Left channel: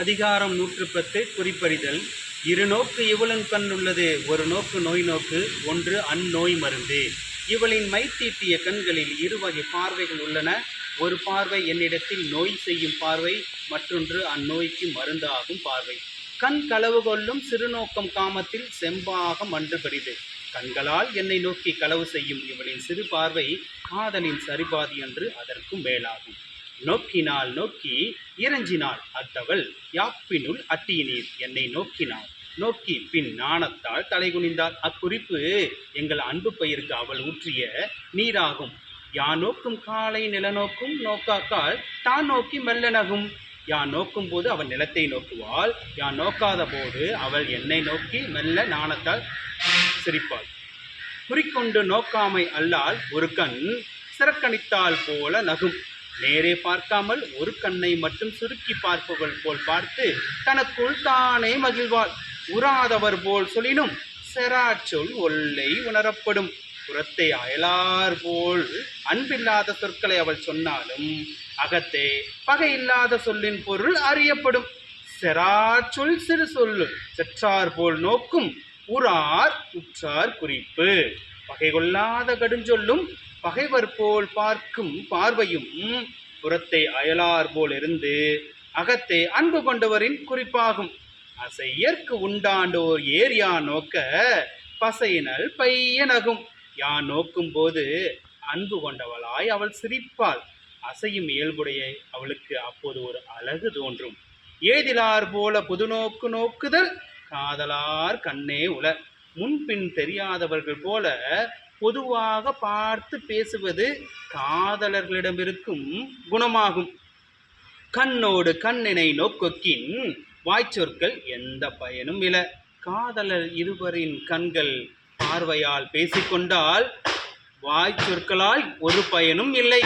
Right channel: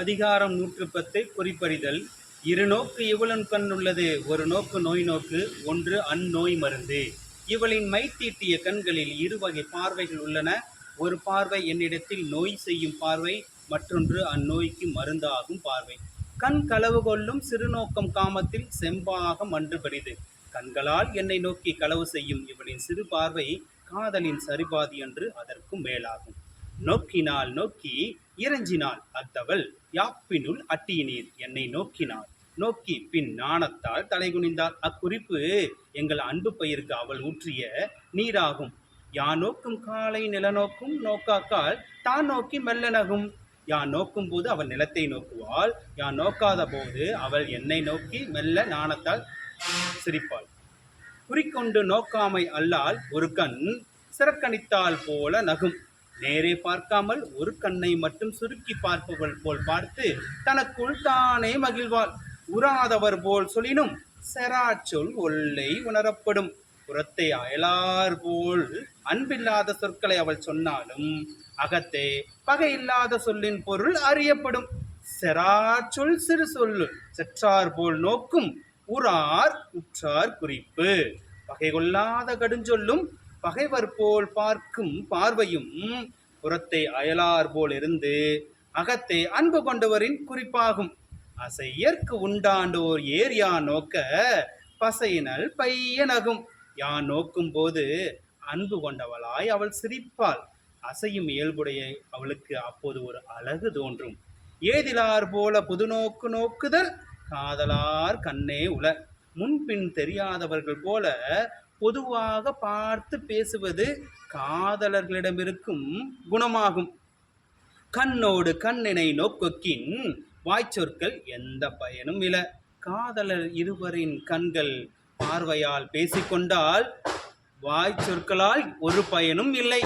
அதிகாரம் 110 குறிப்பறிதல். இரு நோக்கு இவளுன் கண் உள்ளது, ஒரு நோக்கு நோய் நோக்கு, ஒன்று அந்நோய் மருந்து. இவளின் மை தீட்டிய கண்களில் இருவகை பார்வைகள் உள்ளன. ஒரு பார்வை என்னிடத்தில் நோய் செய்யும் பார்வை, மற்றொன்று அந்நோய்க்கு மருந்தாகும் பார்வை. கண் களவு கொள்ளும் சிறுநோக்கம் காமத்தில் செம்பாக மன்று பெரிது. கண்களால் என்னை நோக்கி களவு செய்யும் இவளின் சிறு பார்வை காதலின் சரிபாதி என்று அதற்கும் மேலாகும். நோக்கினாள் நோக்கி இறைஞ்சினாள் அத்தவள், யாப்பினுள் அட்டியினீர் என்னை நோக்கினாள் நோக்கி பின் நாணத்தால் தலைகுனிந்தாள். அக்குறிப்பு எங்கள் அன்பு பயிருக்கு அவள் ஊற்றிய நீராகும். யான் நோக்கும் காலை நிலநோக்கும் நோக்காக்கால் தான் நோக்கி மெல்ல நகும். யான் நோக்கும் போது அவள் நிலத்தை நோக்குவாள், யான் நோக்காத போது அவள் என்னை நோக்கி மெல்ல நாணத்தால் சிரிப்பாள். குறிக்கொண்டு நோக்காமை அல்லால் ஒரு கண் சிறக்கணித்தால் போல நகும். நேரே பார்க்காமல் ஒரு கண்ணை மட்டும் சுருக்கி பார்ப்பவள் போல் பார்த்து தனக்குள் தானே மகிழ்வாள். உறாதவர் போல் சொல்லினும் செராச்சொல் ஒல்லை உணரப்படும். புறத்தை அயலார் போல் அன்பில்லாத சொற்களை அவள் சொன்னாலும் அகத்தே பகையில்லாத சொல்லின் பொருள் அறியப்படும். செராச்சொல் சிறு சொல்லு செற்றார் போல் நோக்கும், உறார் உற்றார் குறிப்பு. பகை கொள்ளாத கடுஞ்சொல்லும் பகைவர் போல் பார்க்கும் பார்வையும் புறத்தை அயலார் போல் இருந்து அகத்தை அன்பு கொண்டவரின் குறிப்பாகும். அசையற்கு உண்டாண்டோர் ஏரியா நோக்க பசையினல் பையனகும். யான் நோக்கும் போது அன்பு கொண்டவளாய் அவள் சிரிப்பாள். அசையும் இயல்புடைய அவளுக்கு அப்போது ஒரு அழகு தோன்றும். ஏதிலார் போல புதுநோக்கு நோக்குதல் காதலார் கண்ணே உல. முன்பின் தெரியாதவர்கள் போல பொதுவாக பார்த்து பேசுவது காதலர்களிடமிருக்கும் குணமாகும். கண்ணோடு கண்ணினை நோக்கொக்கின் வாய்ச்சொற்கள் எந்த பயனும் இல. காதலர் இருவரின் கண்கள் பார்வையால் பேசிக்கொண்டால் வாய்ச்சொற்களால் ஒரு பயனும் இல்லை.